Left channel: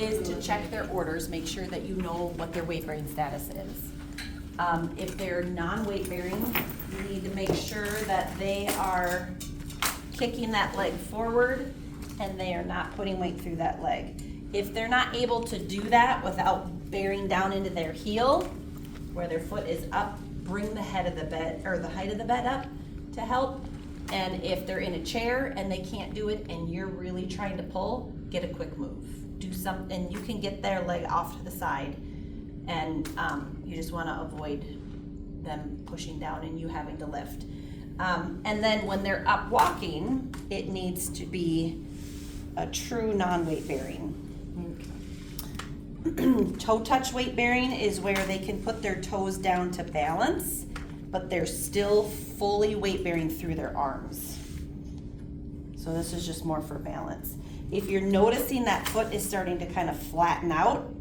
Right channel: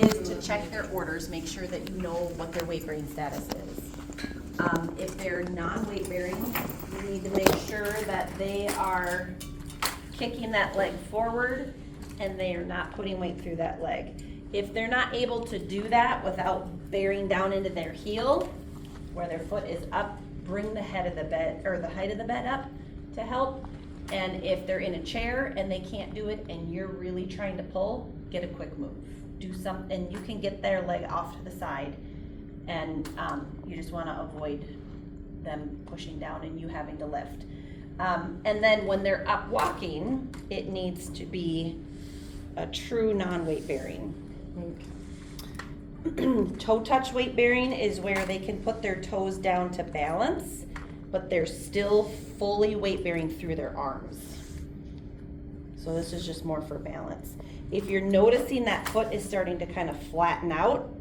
is to check their orders, make sure that you know what their weight bearing status is. If they're non-weight bearing, you need to make sure that they are kicking that leg forward and they are not putting weight through that leg. If they're not able to do that without bearing down into their heel, where their foot is up, bring the head of the bed, or the height of the bed up to help. And if they're in a chair and they can't do it and you're really trying to pull, get a quick move. Do something, you can get their leg off to the side, and you just wanna avoid them pushing down and you having to lift. And then when they're up walking, it needs to be a true non-weight bearing. Toe touch weight bearing is where they can put their toes down to balance, but they're still fully weight bearing through their arms. So this is just more for balance. If you're noticing that foot is starting to kind of flatten out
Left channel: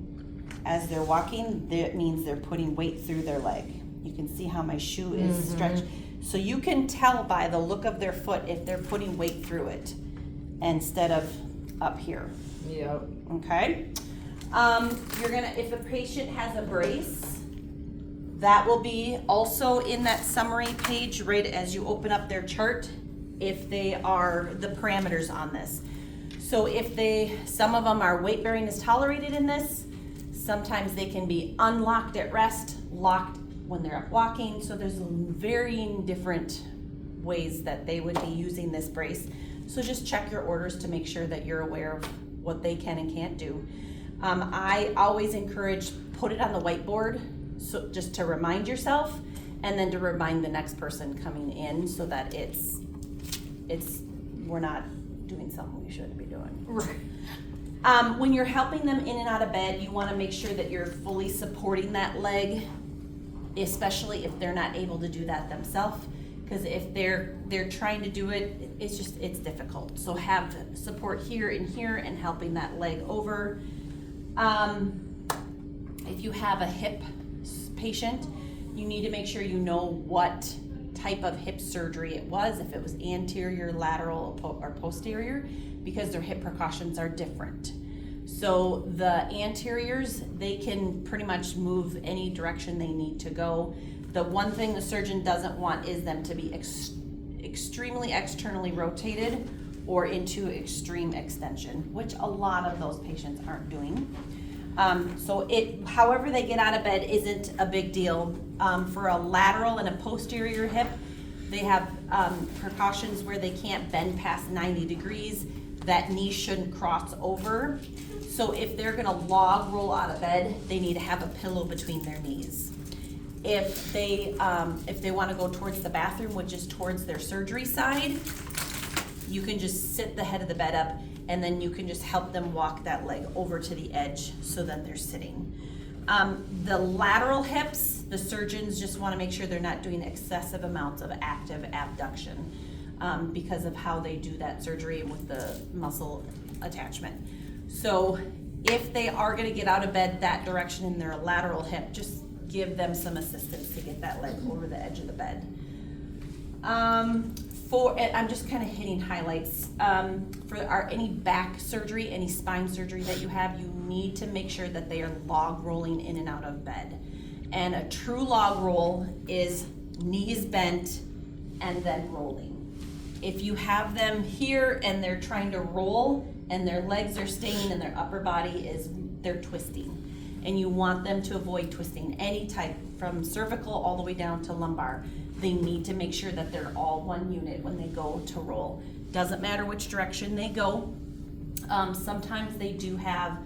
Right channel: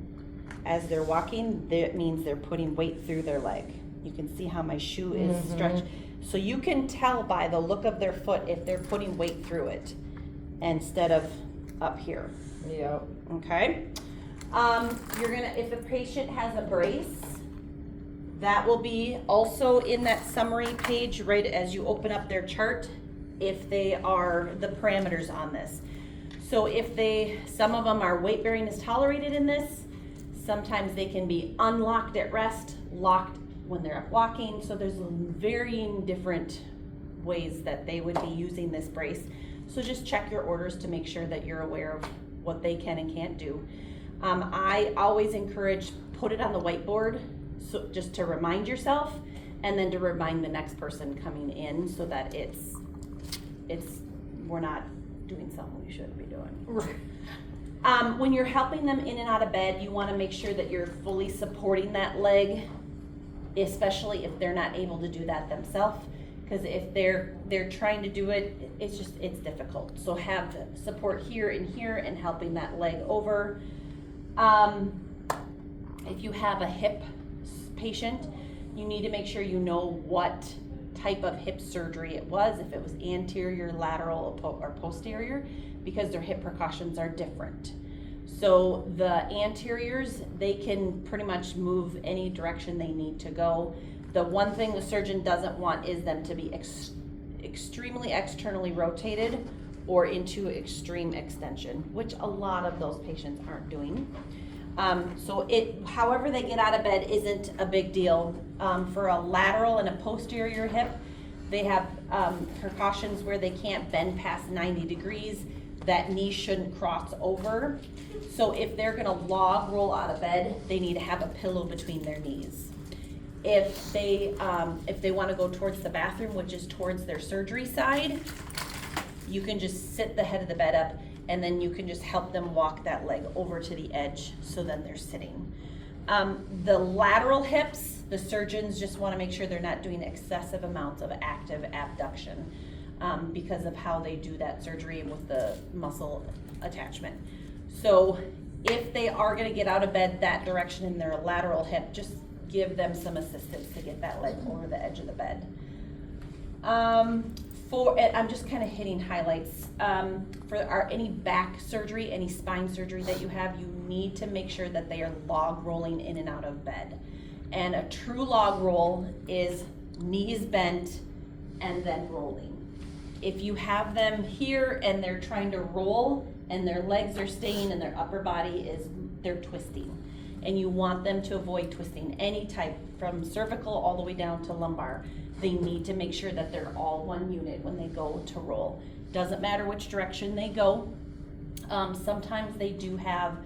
as they're walking, that means they're putting weight through their leg. You can see how my shoe is stretched. So you can tell by the look of their foot if they're putting weight through it instead of up here. Yep. Okay? You're gonna, if a patient has a brace, that will be also in that summary page right as you open up their chart, if they are the parameters on this. So if some of them are weight bearing is tolerated in this, sometimes they can be unlocked at rest, locked when they're up walking. So there's varying different ways that they would be using this brace. So just check your orders to make sure that you're aware of what they can and can't do. I always encourage, put it on the whiteboard, so just to remind yourself, and then to remind the next person coming in, so that we're not doing something we shouldn't be doing. Right. When you're helping them in and out of bed, you want to make sure that you're fully supporting that leg, especially if they're not able to do that themselves. Because if they're trying to do it, it's difficult. So have support here and helping that leg over. If you have a hip patient, you need to make sure you know what type of hip surgery it was, if it was anterior, lateral, or posterior, because their hip precautions are different. So the anteriors, they can pretty much move any direction they need to go. The one thing the surgeon doesn't want is them to be extremely externally rotated or into extreme extension, which a lot of those patients aren't doing. So however they get out of bed isn't a big deal. For a lateral and a posterior hip, they have precautions where they can't bend past 90 degrees. That knee shouldn't cross over. So if they're gonna log roll out of bed, they need to have a pillow between their knees. If they wanna go towards the bathroom, which is towards their surgery side, you can just sit the head of the bed up, and then you can just help them walk that leg over to the edge, so then they're sitting. The lateral hips, the surgeons just wanna make sure they're not doing excessive amounts of active abduction, because of how they do that surgery with the muscle attachment. So if they are gonna get out of bed that direction in their lateral hip, just give them some assistance to get that leg over the edge of the bed. I'm just kind of hitting highlights. For any back surgery, any spine surgery that you have, you need to make sure that they are log rolling in and out of bed. And a true log roll is knees bent and then rolling. If you have them here and they're trying to roll and their legs are staying and their upper body they're twisting. And you want them to avoid twisting any type, from cervical all the way down to lumbar. They need to make sure that they're all one unit when they go to roll. Doesn't matter which direction they go. Sometimes they do have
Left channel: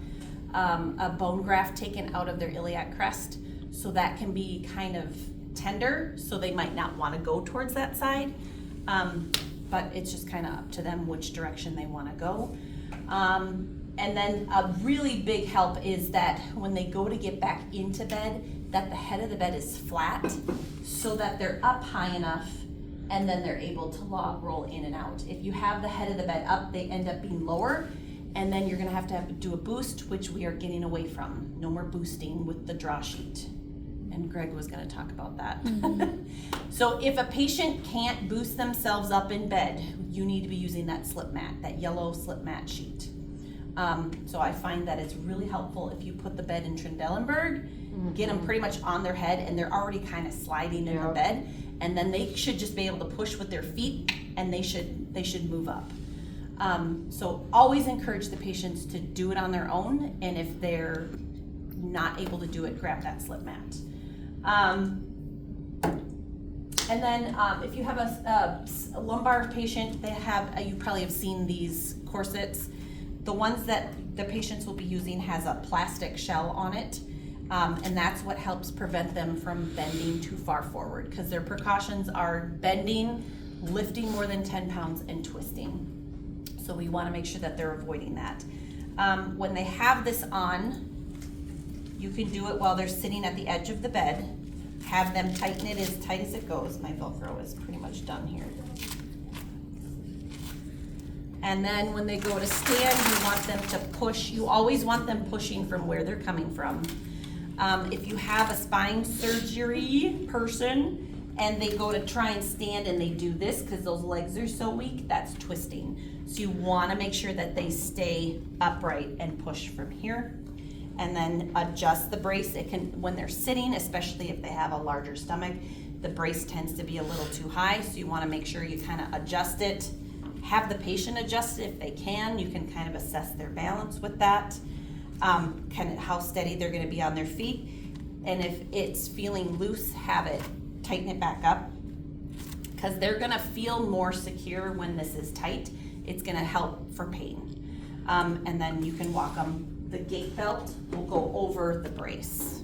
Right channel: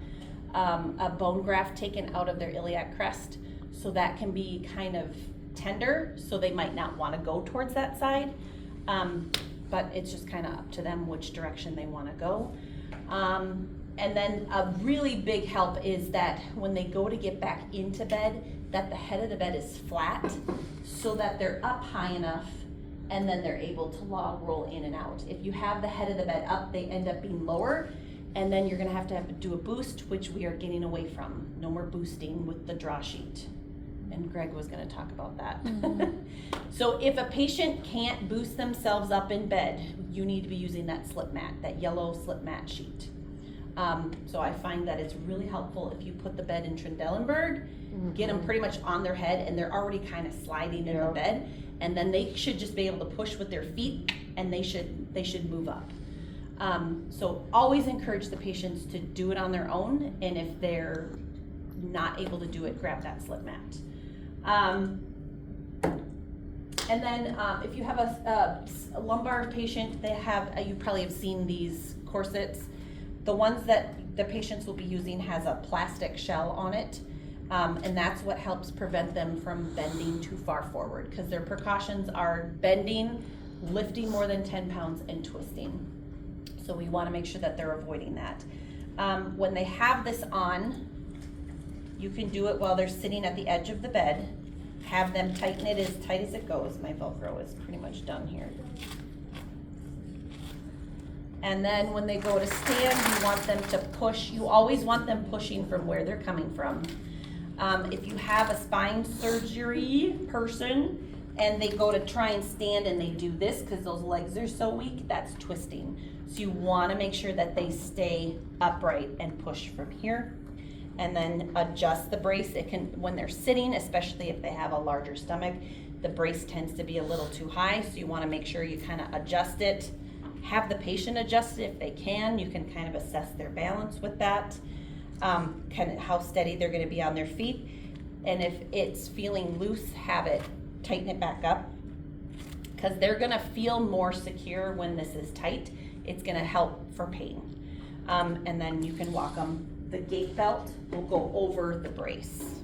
a bone graft taken out of their iliac crest, so that can be kind of tender, so they might not want to go towards that side. But it's just kind of up to them which direction they want to go. And then a really big help is that when they go to get back into bed, that the head of the bed is flat, so that they're up high enough, and then they're able to log roll in and out. If you have the head of the bed up, they end up being lower, and then you're gonna have to do a boost, which we are getting away from. No more boosting with the draw sheet. And Greg was gonna talk about that. So if a patient can't boost themselves up in bed, you need to be using that slip mat, that yellow slip mat sheet. So I find that it's really helpful if you put the bed in Trendelenburg, get them pretty much on their head and they're already kind of sliding in the bed, and then they should just be able to push with their feet and they should move up. So always encourage the patients to do it on their own, and if they're not able to do it, grab that slip mat. And then if you have a lumbar patient, they have, you probably have seen these corsets. The ones that the patients will be using has a plastic shell on it, and that's what helps prevent them from bending too far forward, because their precautions are bending, lifting more than 10 pounds, and twisting. So we want to make sure that they're avoiding that. When they have this on, you can do it while they're sitting at the edge of the bed. Have them tighten it as tight as it goes. My Velcro is pretty much done here. And then when they go to stand, you want them to push. You always want them pushing from where they're coming from. If you have a spine surgery person and they go to try and stand and they do this because those legs are so weak, that's twisting. So you want to make sure that they stay upright and push from here. And then adjust the brace. It can, when they're sitting, especially if they have a larger stomach, the brace tends to be a little too high, so you want to make sure you kind of adjust it. Have the patient adjust it if they can. You can kind of assess their balance with that, kind of how steady they're going to be on their feet. And if it's feeling loose, have it tighten it back up, because they're going to feel more secure when this is tight. It's going to help for pain. And then you can walk them. The gait belt will go over the brace.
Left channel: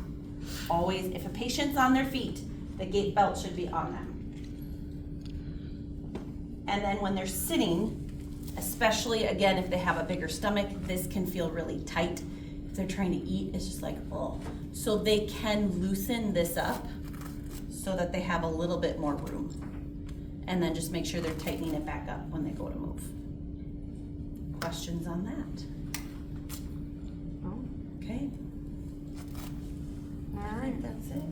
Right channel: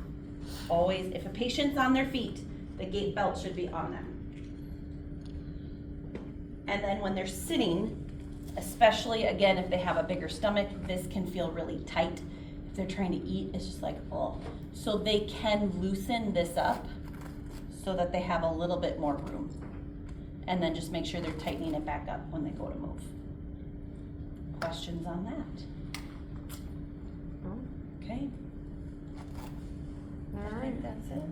Always, if a patient's on their feet, the gait belt should be on them. And then when they're sitting, especially again if they have a bigger stomach, this can feel really tight. If they're trying to eat, it's just like, oh. So they can loosen this up so that they have a little bit more room. And then just make sure they're tightening it back up when they go to move. Questions on that? Okay. All I right. think that's it.